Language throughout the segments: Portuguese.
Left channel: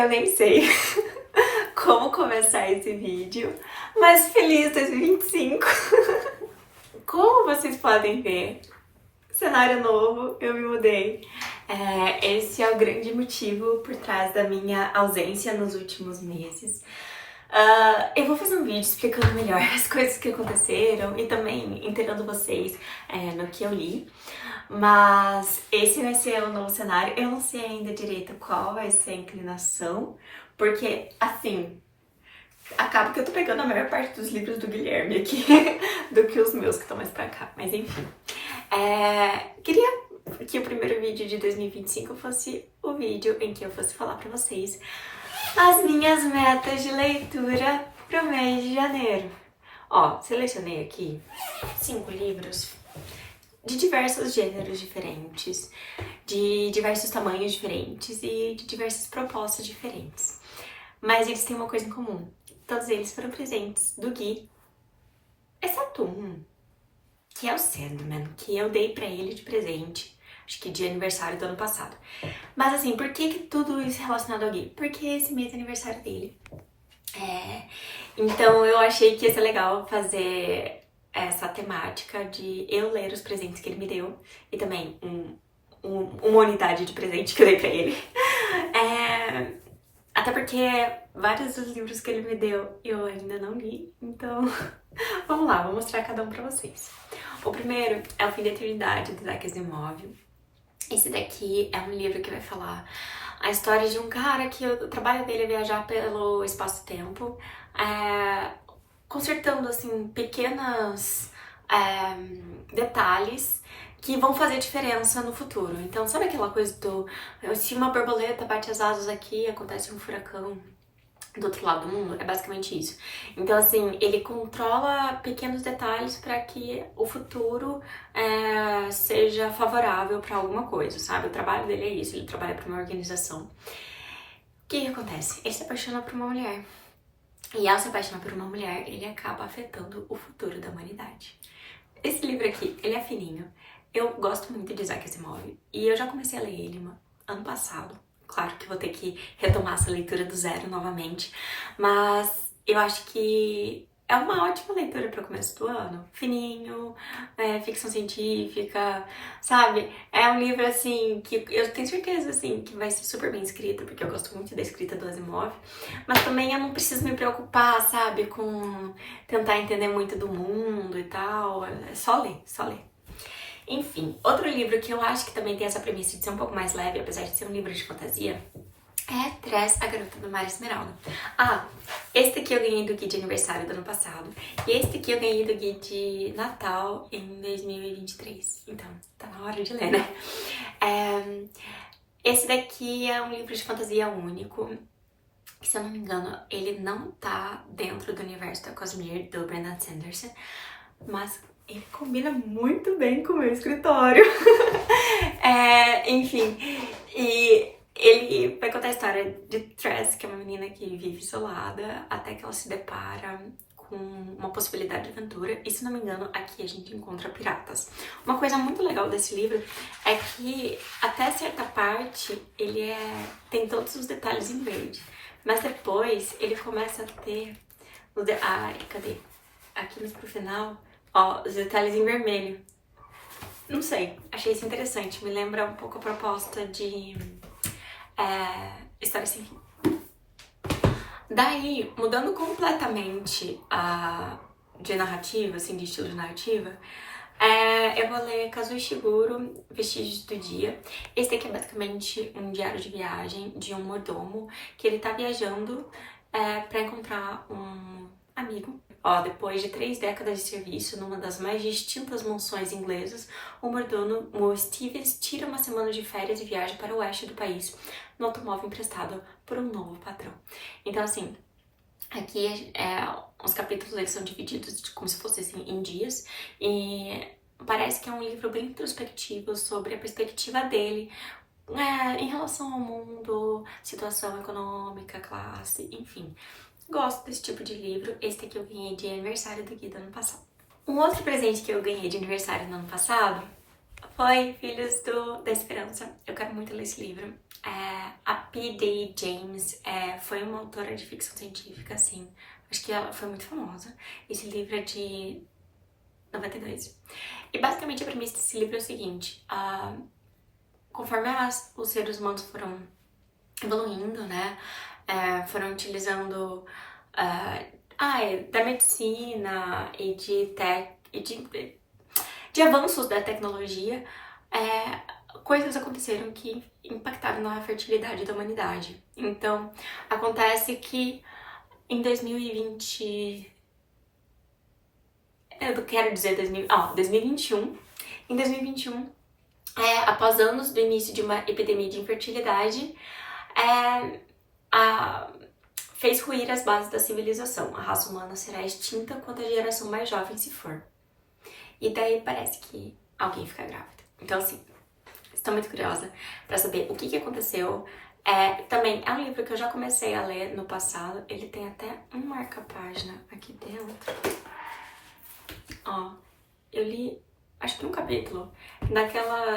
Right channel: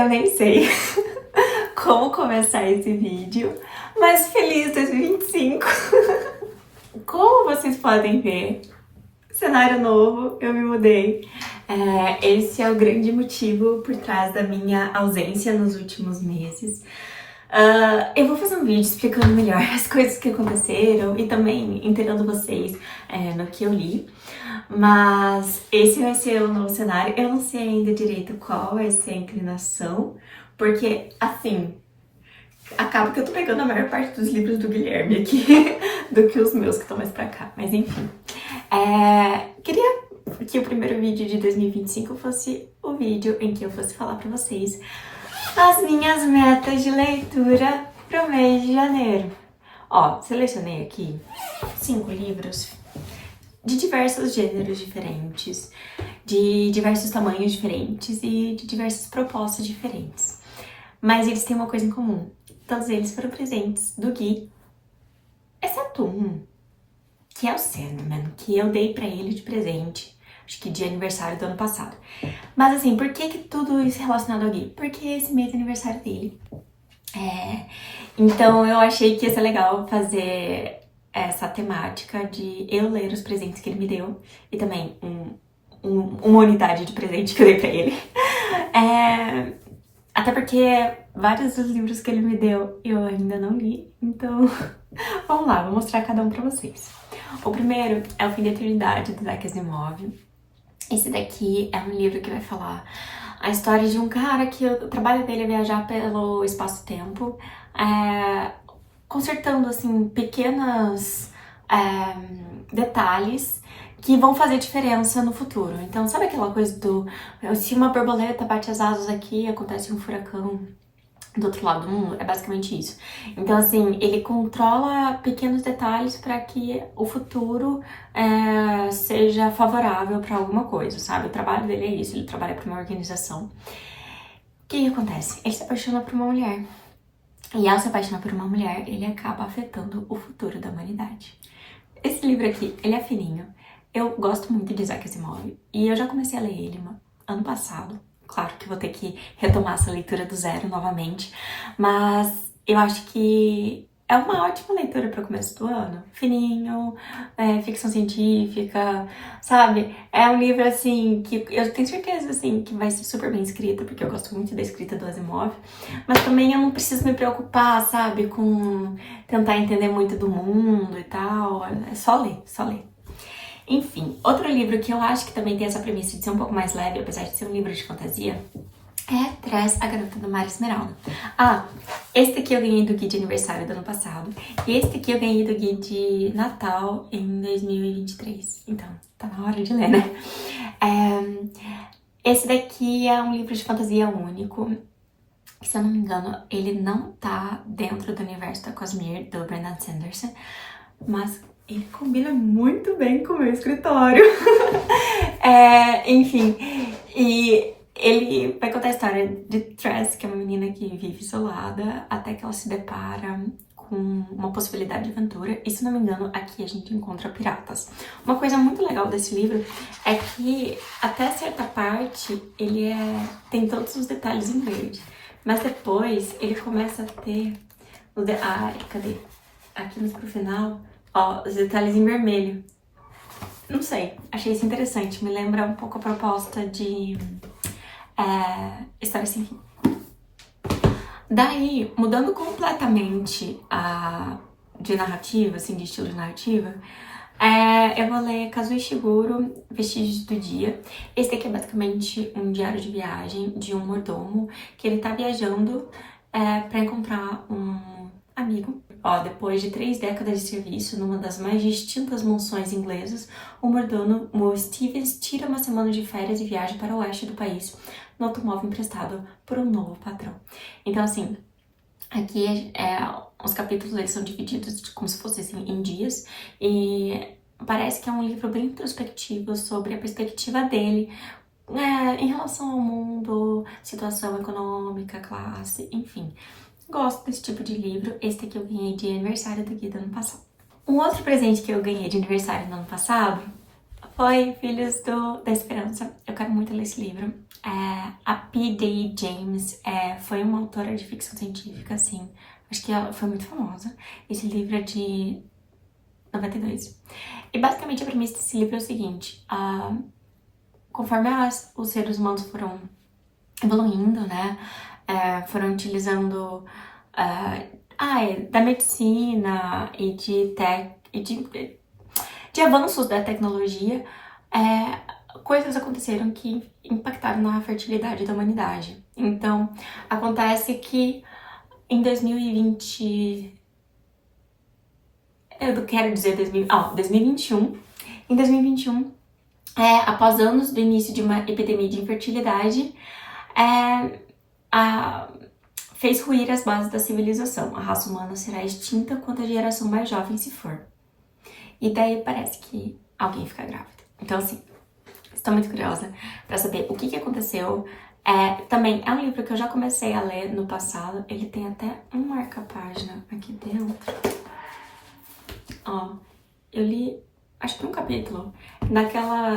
Eu nem sei como começar esse vídeo, mas feliz 2025! Como vocês podem ver, cenário novo, eu me mudei. Esse é o grande motivo por trás da minha ausência nos últimos meses. Eu vou fazer um vídeo explicando melhor as coisas que aconteceram e também inteirando vocês no que eu li. Mas esse vai ser o novo cenário. Eu não sei ainda direito qual vai ser a inclinação, porque, assim, acaba que eu tô pegando a maior parte dos livros do Guilherme aqui do que os meus que estão mais pra cá. Mas enfim, queria que o primeiro vídeo de 2025 fosse o vídeo em que eu fosse falar pra vocês as minhas metas de leitura pro mês de janeiro. Ó, selecionei aqui 5 livros de diversos gêneros diferentes, de diversos tamanhos diferentes e de diversas propostas diferentes. Mas eles têm uma coisa em comum. Todos eles foram presentes do Gui, exceto um, que é o Sandman, que eu dei pra ele de presente, acho que de aniversário do ano passado. Mas assim, por que tudo isso é relacionado ao Gui? Porque esse mês é aniversário dele. Então eu achei que ia ser legal fazer essa temática de eu ler os presentes que ele me deu e também uma unidade de presente que eu dei pra ele. Até porque vários dos livros que ele me deu eu ainda não li, então vamos lá, vou mostrar cada um pra vocês. O primeiro é O Fim da Eternidade, do Isaac Asimov. Esse daqui é um livro que vai falar a história de um cara que o trabalho dele é viajar pelo espaço-tempo, consertando, assim, pequenos detalhes que vão fazer diferença no futuro. Então, sabe aquela coisa do... se uma borboleta bate as asas aqui, acontece um furacão do outro lado do mundo? É basicamente isso. Então, assim, ele controla pequenos detalhes para que o futuro seja favorável para alguma coisa, sabe? O trabalho dele é isso, ele trabalha para uma organização. O que acontece? Ele se apaixona por uma mulher. E ao se apaixonar por uma mulher, ele acaba afetando o futuro da humanidade. Esse livro aqui, ele é fininho. Eu gosto muito de Isaac Asimov e eu já comecei a ler ele ano passado. Claro que vou ter que retomar essa leitura do zero novamente, mas eu acho que é uma ótima leitura para o começo do ano. Fininho, ficção científica, sabe? É um livro, assim, que eu tenho certeza, assim, que vai ser super bem escrito, porque eu gosto muito da escrita do Asimov, mas também eu não preciso me preocupar, sabe, com tentar entender muito do mundo e tal. É só ler, só ler. Enfim, outro livro que eu acho que também tem essa premissa de ser um pouco mais leve, apesar de ser um livro de fantasia, é Tress, a Garota do Mar Esmeralda. Esse aqui eu ganhei do Gui de aniversário do ano passado, e esse aqui eu ganhei do Gui de Natal em 2023. Então, tá na hora de ler, né? Esse daqui é um livro de fantasia único, que, se eu não me engano, ele não tá dentro do universo da Cosmere, do Brandon Sanderson, mas ele combina muito bem com o meu escritório. Enfim, e ele vai contar a história de Tress, que é uma menina que vive isolada, até que ela se depara com uma possibilidade de aventura. E, se não me engano, aqui a gente encontra piratas. Uma coisa muito legal desse livro é que, até certa parte, ele tem todos os detalhes em verde. Mas depois ele começa a ter... cadê? Aqui pro final... Ó, os detalhes em vermelho. Não sei, achei isso interessante. Me lembra um pouco a proposta de História Sem Fim. Daí, mudando completamente de narrativa, assim, de estilo de narrativa, eu vou ler Kazuo Ishiguro, Vestígios do Dia. Esse daqui é basicamente um diário de viagem de um mordomo que ele tá viajando pra encontrar um amigo. Depois de 3 décadas de serviço numa das mais distintas mansões inglesas, o mordomo Stevens tira uma semana de férias e viaja para o oeste do país no automóvel emprestado por um novo patrão. Então, assim, aqui os capítulos eles são divididos como se fossem assim, em dias, e parece que é um livro bem introspectivo sobre a perspectiva dele em relação ao mundo, situação econômica, classe, enfim. Gosto desse tipo de livro. Esse aqui eu ganhei de aniversário do Gui do ano passado. Um outro presente que eu ganhei de aniversário no ano passado Oi, Filhos da Esperança. Eu quero muito ler esse livro. A P.D. James foi uma autora de ficção científica, assim. Acho que ela foi muito famosa. Esse livro é de 92. E basicamente a premissa desse livro é o seguinte. Conforme os seres humanos foram evoluindo, né? Foram utilizando da medicina e de avanços da tecnologia, coisas aconteceram que impactaram na fertilidade da humanidade. Então, acontece que em 2020... Eu quero dizer 2021. Em 2021, após anos do início de uma epidemia de infertilidade, fez ruir as bases da civilização. A raça humana será extinta quando a geração mais jovem se for. E daí parece que alguém fica grávida. Então, assim, estou muito curiosa pra saber o que aconteceu. Também é um livro que eu já comecei a ler no passado. Ele tem até um marca-página aqui dentro. Ó, eu li, acho que um capítulo.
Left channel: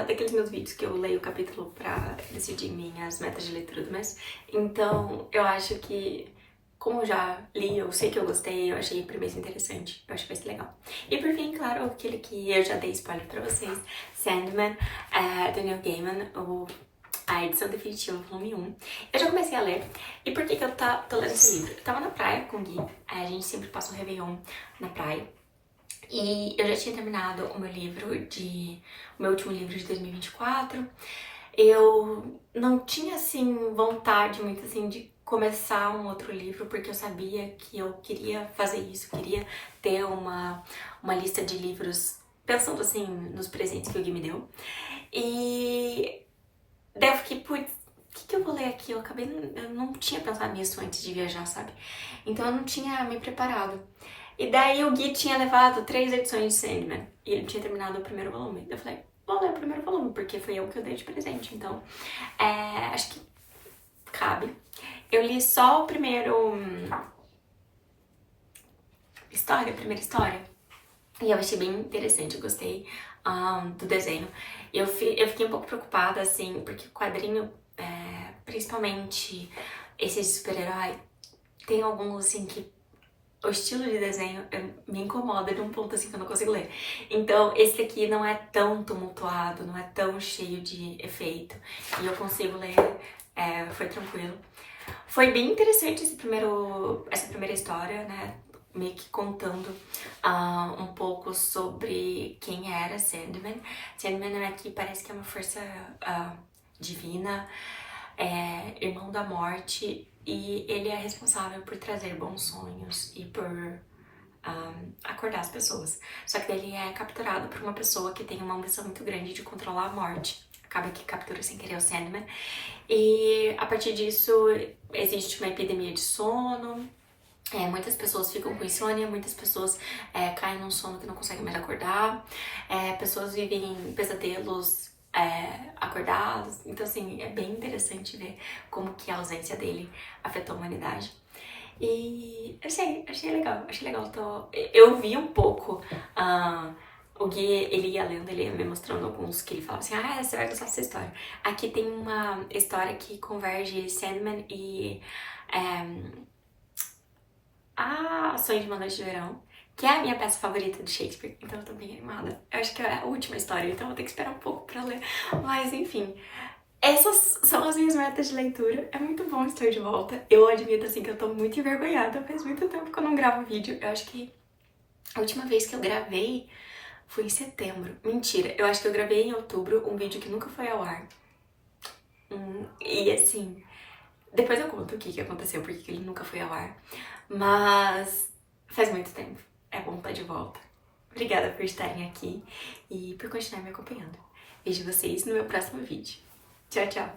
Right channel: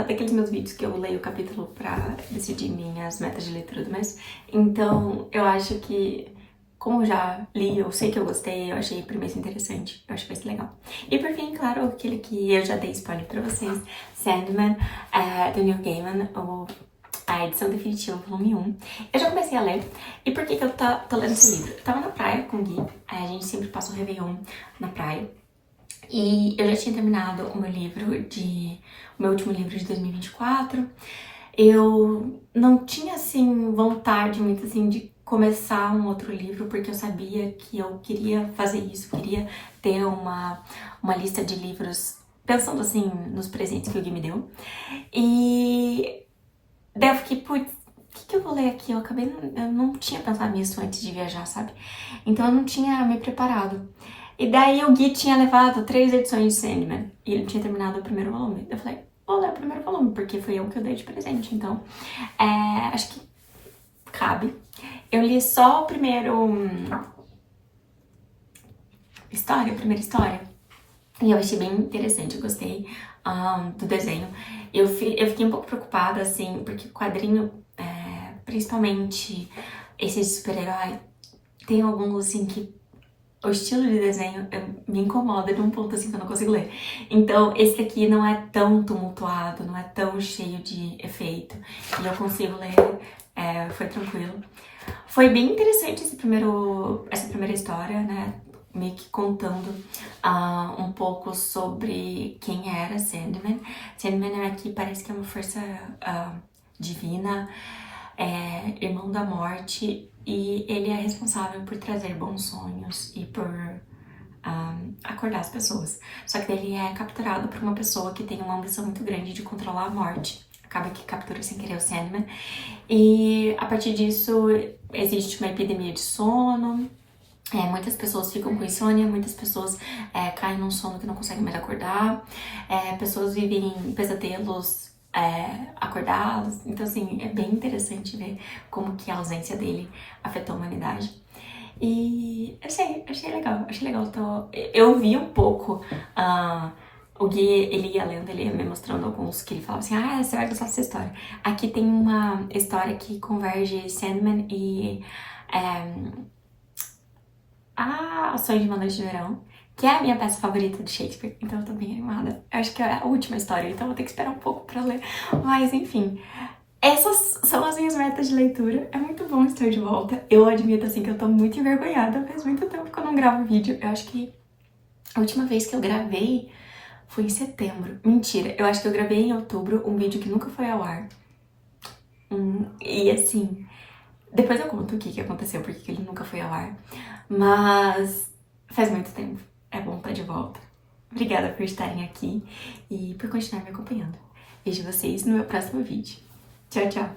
Daqueles meus vídeos que eu leio o capítulo pra decidir minhas metas de leitura do mês. Então, eu acho que, como eu já li, eu sei que eu gostei, eu achei a premissa interessante, eu acho que vai ser legal. E por fim, claro, aquele que eu já dei spoiler pra vocês, Sandman, do Neil Gaiman, a edição definitiva, volume 1. Eu já comecei a ler. E por que eu tô lendo esse livro? Eu tava na praia com o Gui, a gente sempre passa o Réveillon na praia. E eu já tinha terminado o meu último livro de 2024. Eu não tinha, assim, vontade muito, assim, de começar um outro livro, porque eu sabia que eu queria fazer isso, queria ter uma lista de livros, pensando, assim, nos presentes que o Gui me deu. E daí eu fiquei, putz, o que eu vou ler aqui? Eu não tinha pensado nisso antes de viajar, sabe? Então eu não tinha me preparado. E daí o Gui tinha levado 3 edições de Sandman, e ele tinha terminado o primeiro volume. Eu falei, vou ler o primeiro volume, porque foi eu que eu dei de presente, então acho que cabe. Eu li só o primeira história, e eu achei bem interessante, eu gostei do desenho. Eu fiquei um pouco preocupada, assim, porque o quadrinho, principalmente esse super-herói, tem alguns, assim, que o estilo de desenho me incomoda de um ponto assim que eu não consigo ler. Então, esse aqui não é tão tumultuado, não é tão cheio de efeito. E eu consigo ler, foi tranquilo. Foi bem interessante essa primeira história, né? Meio que contando um pouco sobre quem era Sandman. Sandman aqui parece que é uma força divina, irmão da morte, e ele é responsável por trazer bons sonhos e por acordar as pessoas. Só que ele é capturado por uma pessoa que tem uma ambição muito grande de controlar a morte. Acaba que captura sem querer o Sandman. E a partir disso existe uma epidemia de sono. Muitas pessoas ficam com insônia, muitas pessoas caem num sono que não conseguem mais acordar. Pessoas vivem em pesadelos acordados. Então, assim, é bem interessante ver como que a ausência dele afetou a humanidade. E achei legal. Eu vi um pouco o Gui, ele ia lendo, ele ia me mostrando alguns que ele falava assim, você vai gostar dessa história. Aqui tem uma história que converge Sandman e A Sonho de uma Noite de Verão, que é a minha peça favorita de Shakespeare, então eu tô bem animada. Eu acho que é a última história, então vou ter que esperar um pouco pra ler. Mas, enfim, essas são as minhas metas de leitura. É muito bom estar de volta. Eu admito, assim, que eu tô muito envergonhada. Faz muito tempo que eu não gravo vídeo. Eu acho que a última vez que eu gravei foi em setembro. Mentira, eu acho que eu gravei em outubro um vídeo que nunca foi ao ar. E, assim, depois eu conto o que aconteceu, porque ele nunca foi ao ar. Mas faz muito tempo. É bom estar de volta. Obrigada por estarem aqui e por continuar me acompanhando. Vejo vocês no meu próximo vídeo. Tchau, tchau!